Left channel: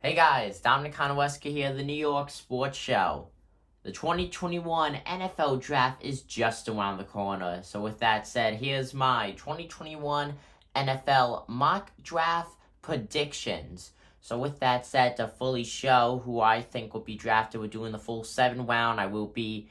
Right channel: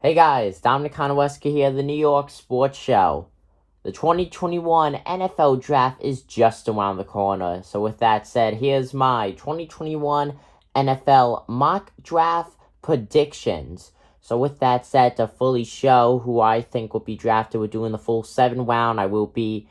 Hey guys, Dominic Konowski here, the New York Sports Show. The 2021 NFL Draft is just around the corner. So with that said, here's my 2021 NFL mock draft predictions. So with that said, to fully show who I think will be drafted, we're doing the full 7 round. I will be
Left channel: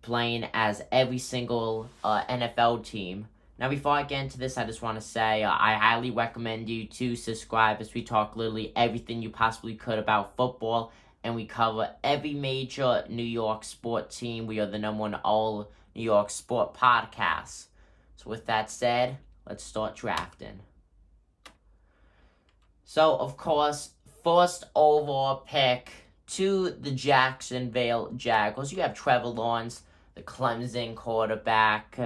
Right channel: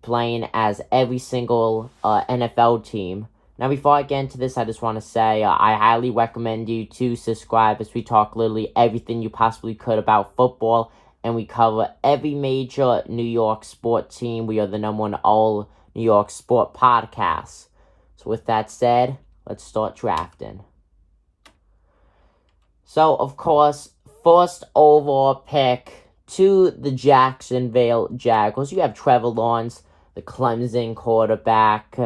playing as every single NFL team. Now, before I get into this, I just want to say I highly recommend you to subscribe as we talk literally everything you possibly could about football, and we cover every major New York sport team. We are the #1 all New York sport podcast. So with that said, let's start drafting. So, of course, first overall pick to the Jacksonville Jaguars. You have Trevor Lawrence, the Clemson quarterback.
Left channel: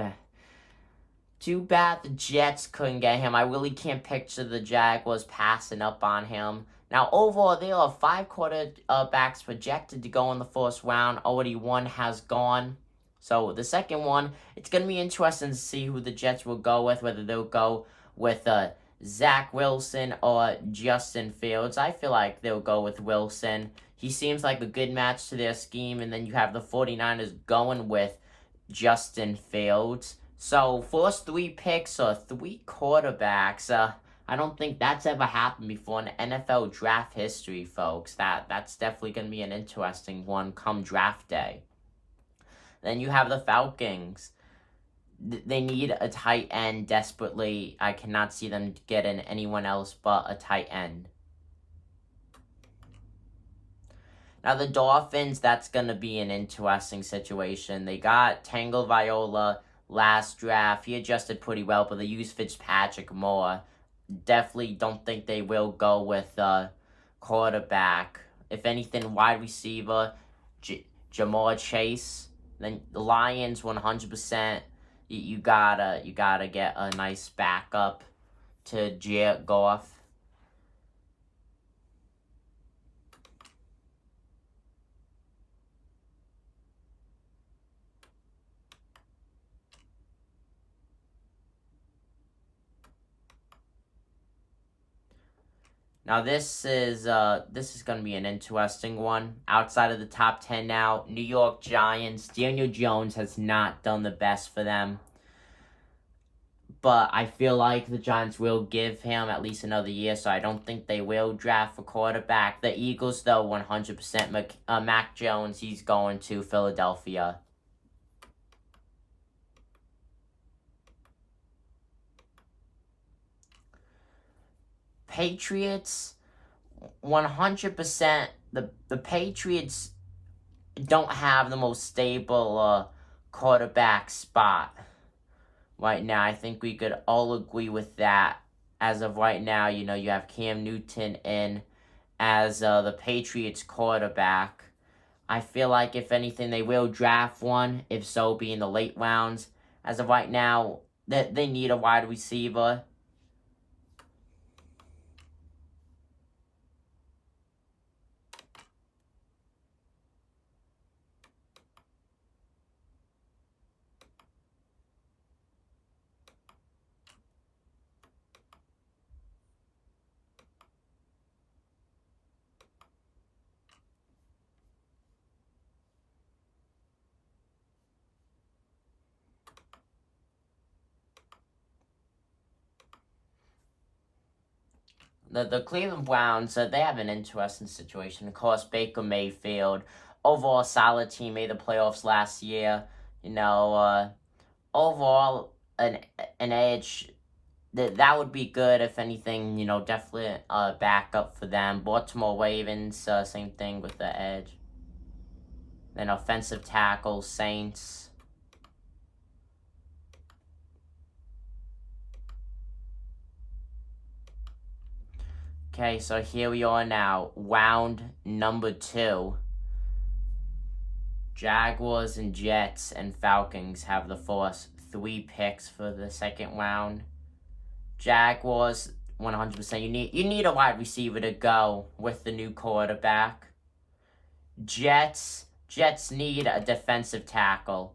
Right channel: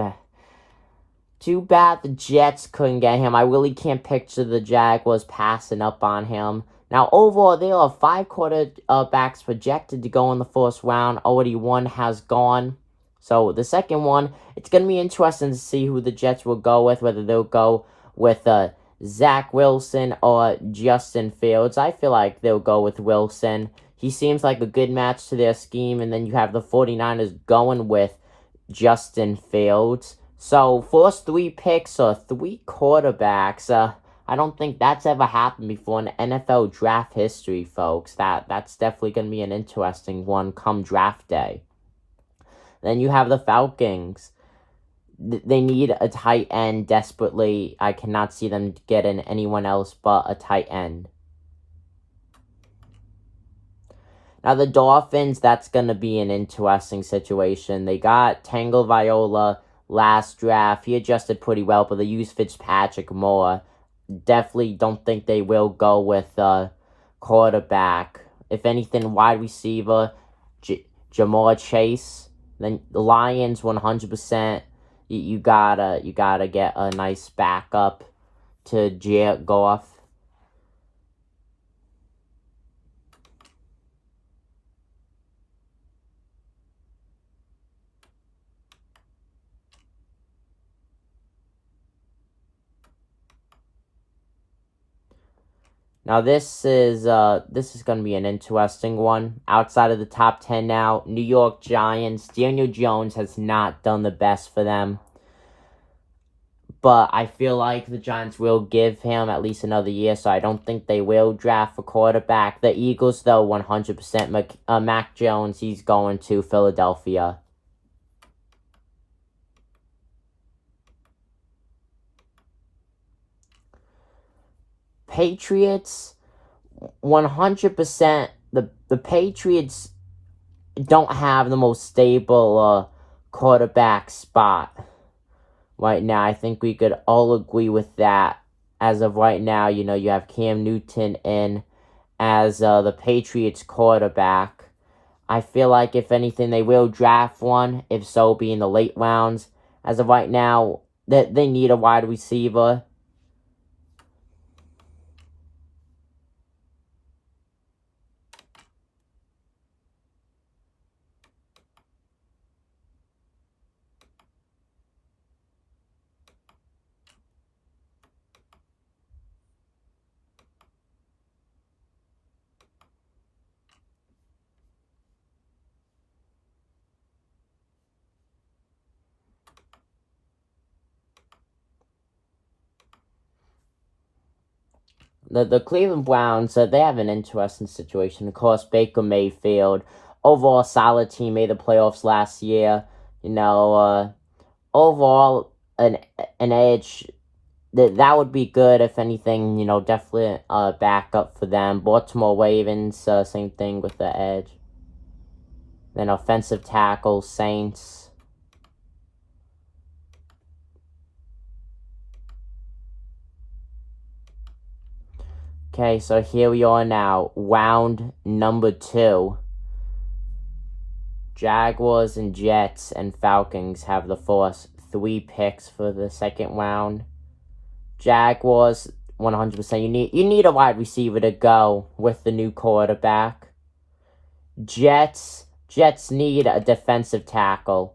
Too bad the Jets couldn't get him. I really can't picture the Jaguars passing up on him. Now, overall, there are 5 quarterbacks projected to go in the first round. Already one has gone. So, the second one, it's going to be interesting to see who the Jets will go with, whether they'll go with Zach Wilson or Justin Fields. I feel like they'll go with Wilson. He seems like a good match to their scheme, and then you have the 49ers going with Justin Fields. So, first 3 picks are 3 quarterbacks. I don't think that's ever happened before in NFL draft history, folks. That's definitely going to be an interesting one come draft day. Then you have the Falcons. They need a tight end desperately. I cannot see them getting anyone else but a tight end. Now, the Dolphins, that's going to be an interesting situation. They got Tagovailoa last draft. He adjusted pretty well, but they used Fitzpatrick more. Definitely don't think they will go with quarterback. If anything, wide receiver, Ja'Marr Chase. Then the Lions, 100%. You gotta get a nice backup to Jared Goff. Now this is going to be an interesting one. Outside of the top 10 now, New York Giants. Daniel Jones has not done the best for them. But I feel like the Giants will give him at least another year, so I don't think they will draft a quarterback. The Eagles, though, 100%. Mac Jones, he's going to Philadelphia. Patriots, 100%. The Patriots don't have the most stable quarterback spot right now. I think we could all agree with that. As of right now, you have Cam Newton in as the Patriots quarterback. I feel like if anything, they will draft one, if so be in the late rounds. As of right now, they need a wide receiver. The Cleveland Browns, they have an interesting situation. Of course, Baker Mayfield, overall solid team, made the playoffs last year. Overall, an edge that would be good if anything. Definitely a backup for them. Baltimore Ravens, same thing with the edge. Then offensive tackle, Saints. Okay, so here we are now, round number 2. Jaguars and Jets and Falcons have the first 3 picks for the second round. Jaguars, 100%. You need a wide receiver to go with the new quarterback. Jets need a defensive tackle.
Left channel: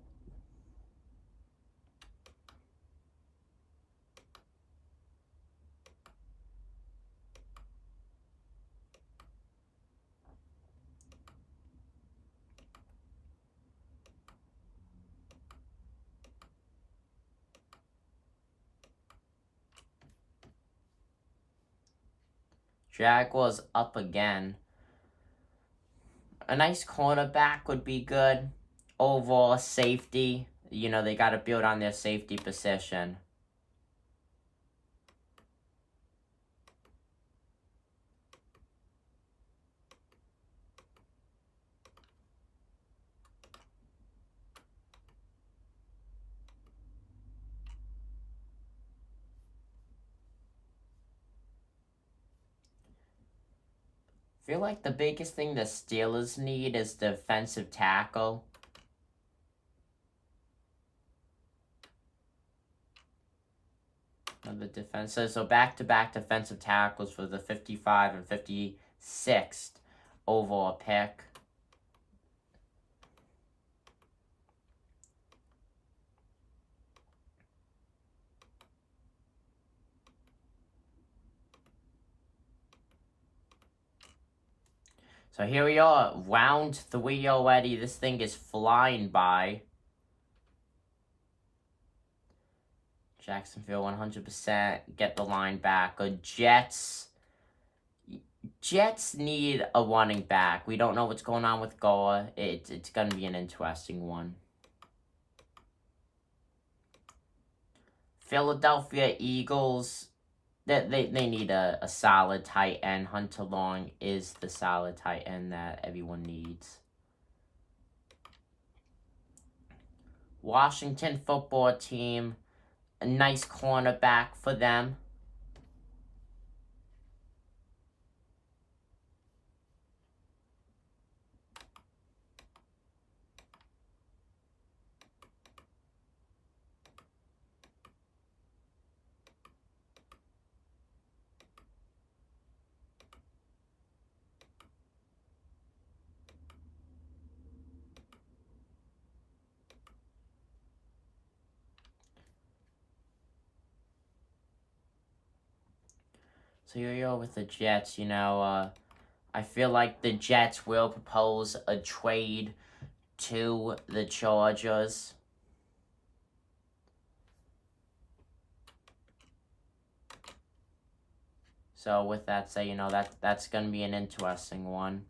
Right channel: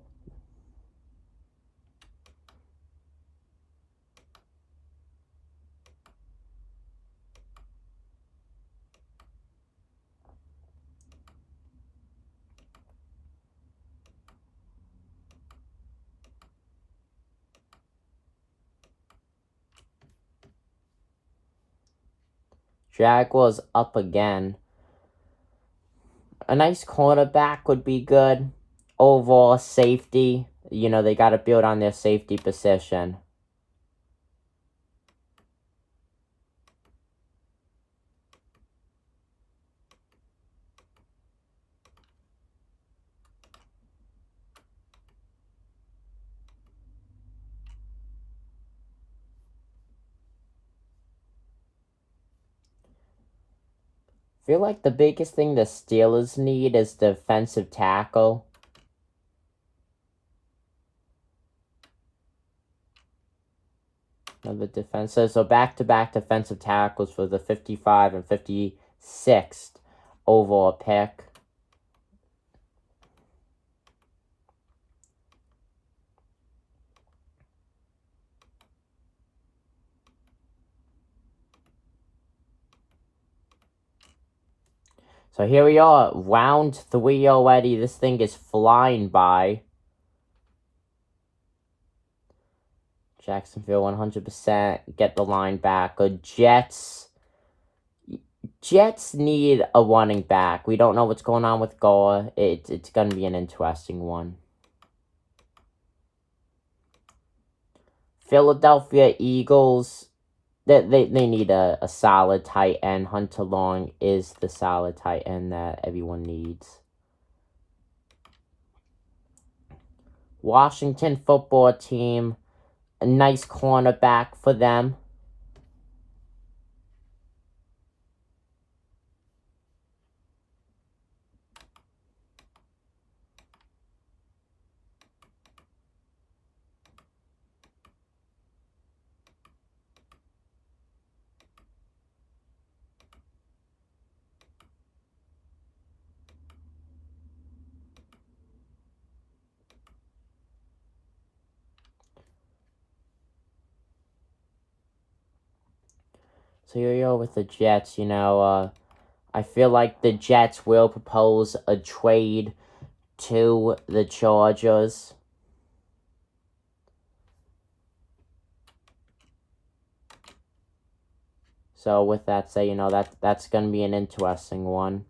Jaguars up again. A nice cornerback would be good. Overall safety, they got to build on their safety position. I feel like the biggest thing the Steelers need is defensive tackle. Of the defenses. So back-to-back defensive tackles for the 55 and 56th overall pick. So here we are, round 3 already. This thing is flying by. Jacksonville 100%. Get the line back. Jets need a running back. We don't know what's going on with Gore. It's going to be an interesting one. Philadelphia Eagles, they need a solid tight end. Hunter Long is the solid tight end that everyone needs. Washington football team, a nice cornerback for them. So here you go with the Jets, I feel like the Jets will propose a trade to the Chargers. So with that said, that's going to be an interesting one.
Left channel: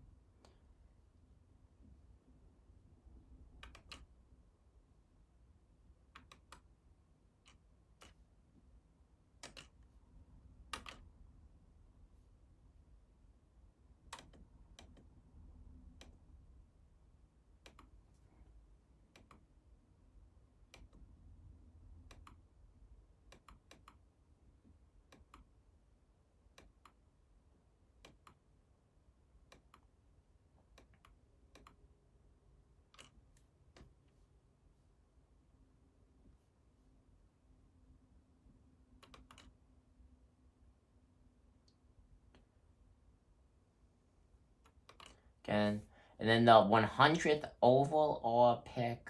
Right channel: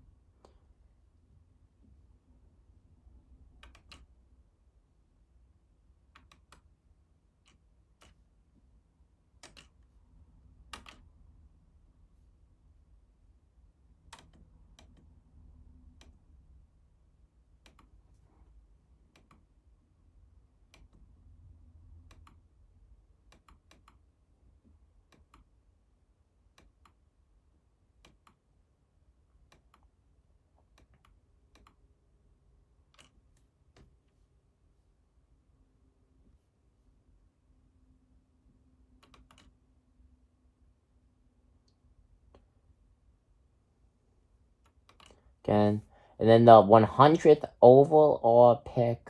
Again. And then the 100th overall pick,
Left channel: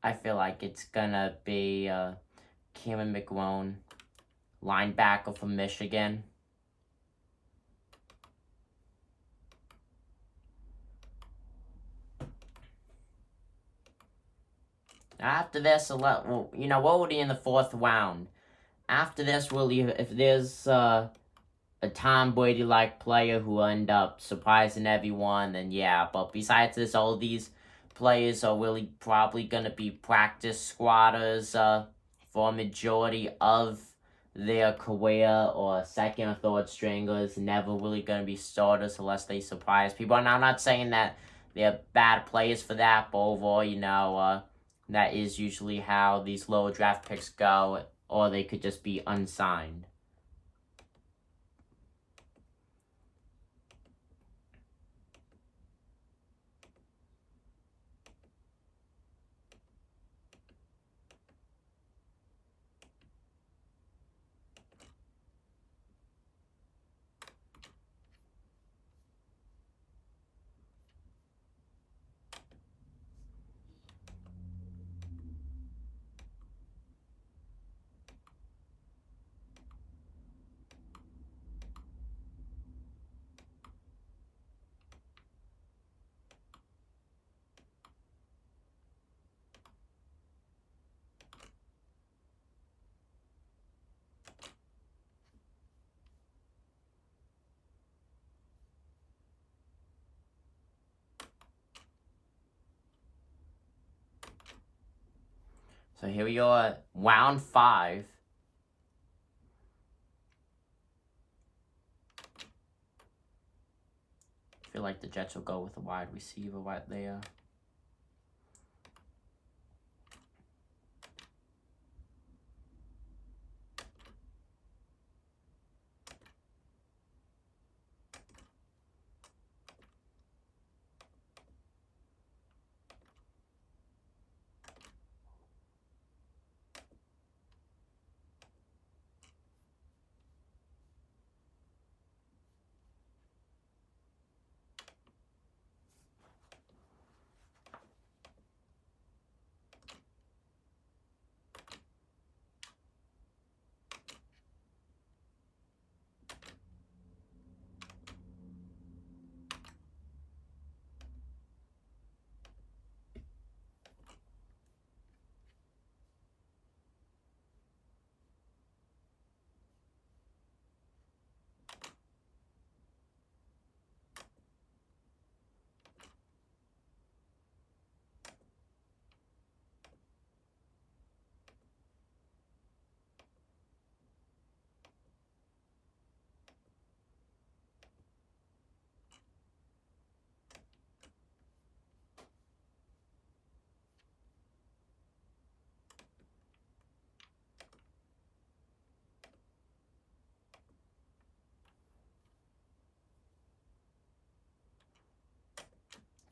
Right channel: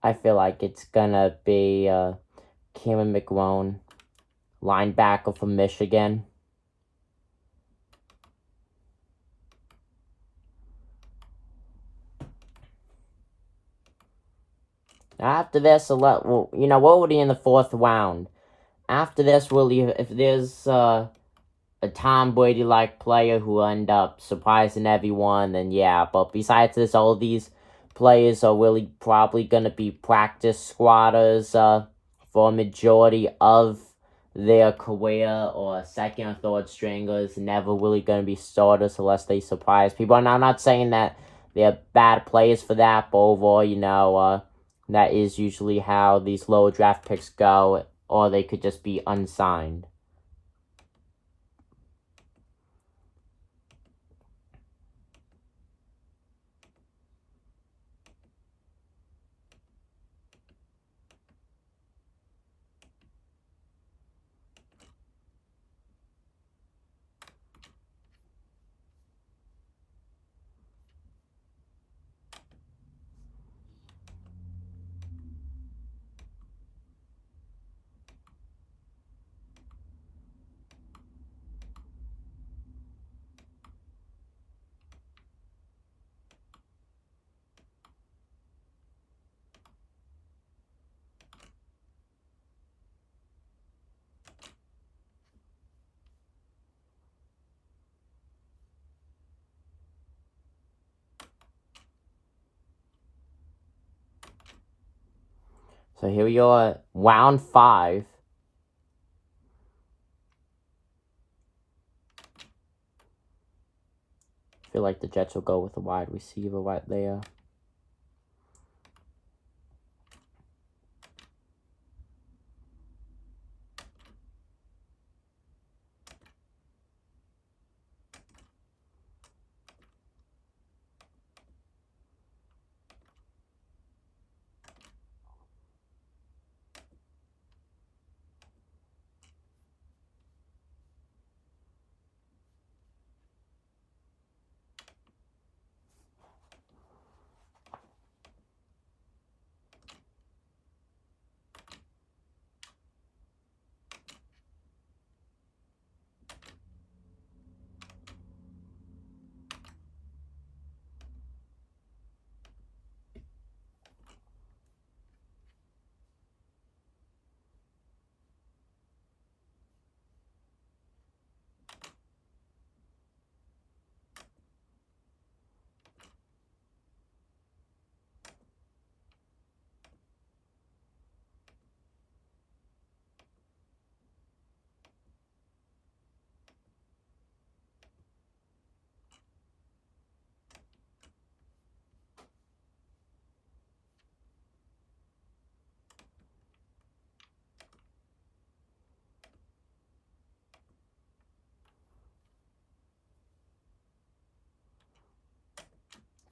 I feel like it's gonna be Cameron McGrone, linebacker from Michigan. After this, we're already in the 4th round. After this, if there's a Tom Brady-like player who end up surprising everyone, then yeah. But besides this, all these players are really probably going to be practice squatters for a majority of their career, or second or third stringers, never really going to be starters unless they surprise people. And I'm not saying that they're bad players for that, but overall, that is usually how these lower draft picks go, or they could just be unsigned. So here we are, round 5. I feel like the Jets will go with a wide receiver right there.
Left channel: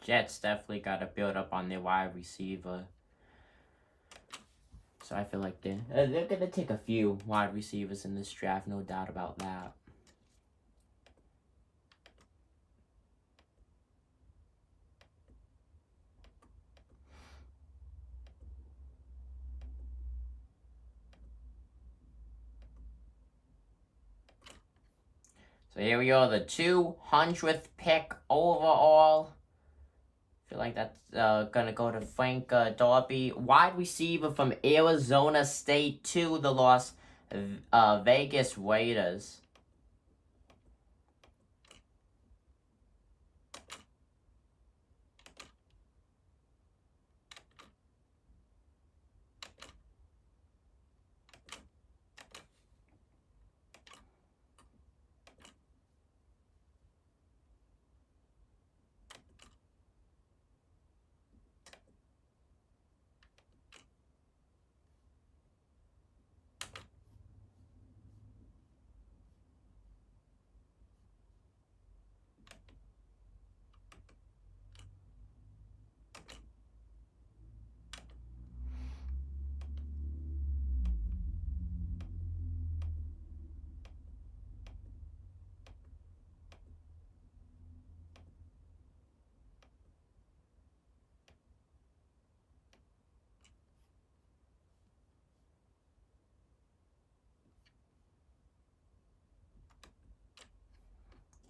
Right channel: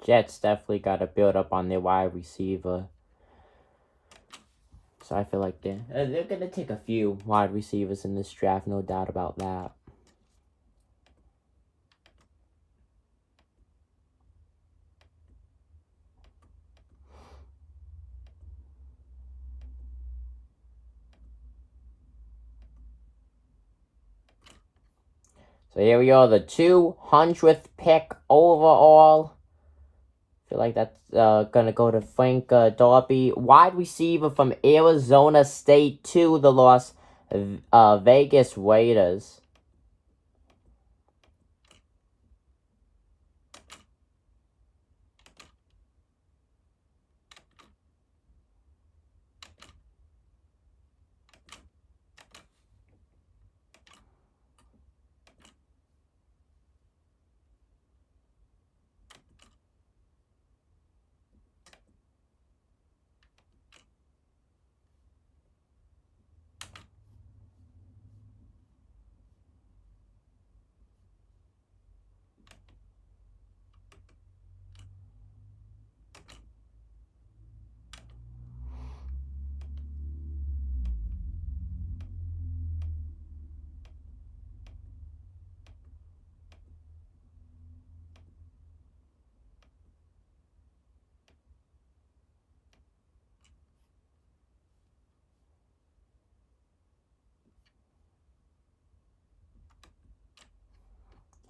Jets definitely got to build up on their wide receiver. So I feel like they're going to take a few wide receivers in this draft, no doubt about that. So here we are, the 200th pick overall. I feel like that's going to go to Frank Darby, wide receiver from Arizona State to the Las Vegas Raiders.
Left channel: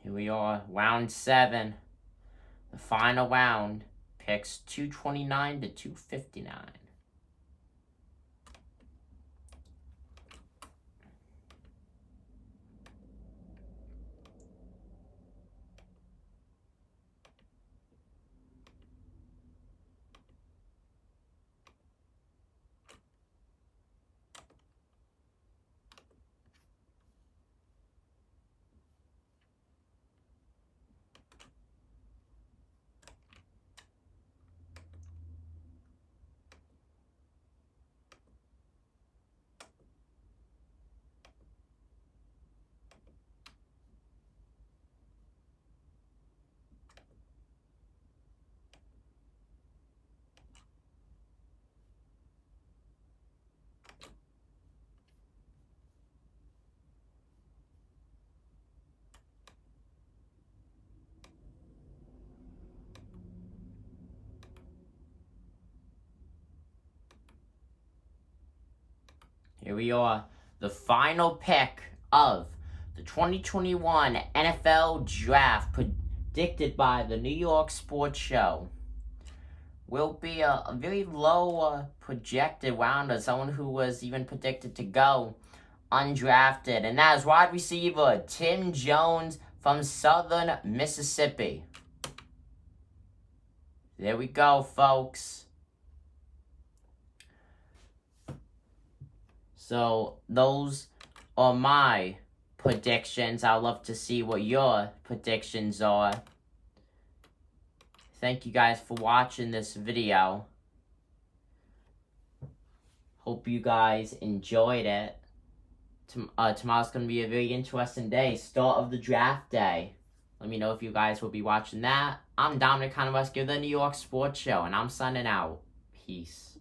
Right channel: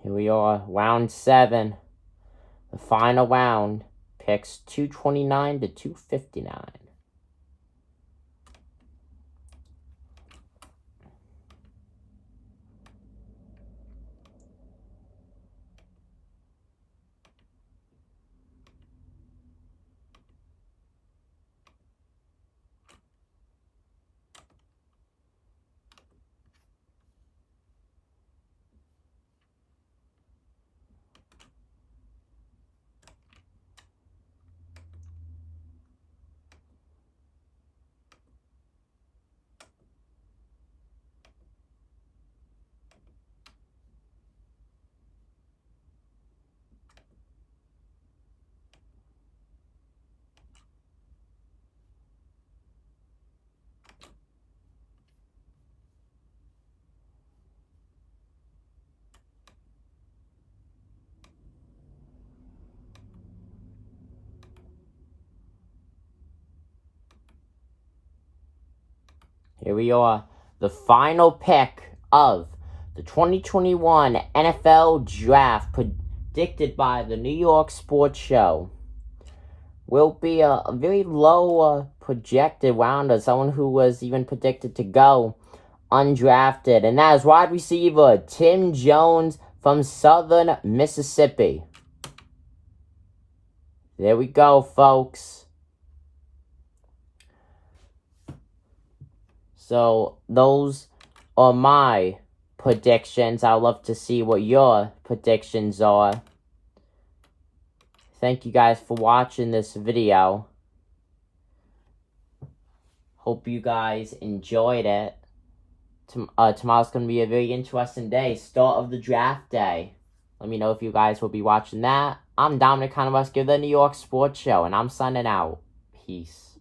Here we are, round 7. The final round, picks 229 to 259. Here we are, the final pick of the 2021 NFL Draft, predicted by the New York Sports Show. Will be a very low projected rounder, someone who was even predicted to go undrafted, and that is wide receiver Tim Jones from Southern Mississippi. There we go, folks. So those are my predictions. I'd love to see what your predictions are. Thank you guys for watching this video. Hope you guys enjoyed it. Tomorrow's going to be a very interesting day. Start of the draft day. Let me know if you guys will be watching that. I'm Dominic Conowski of the New York Sports Show, and I'm signing out. Peace.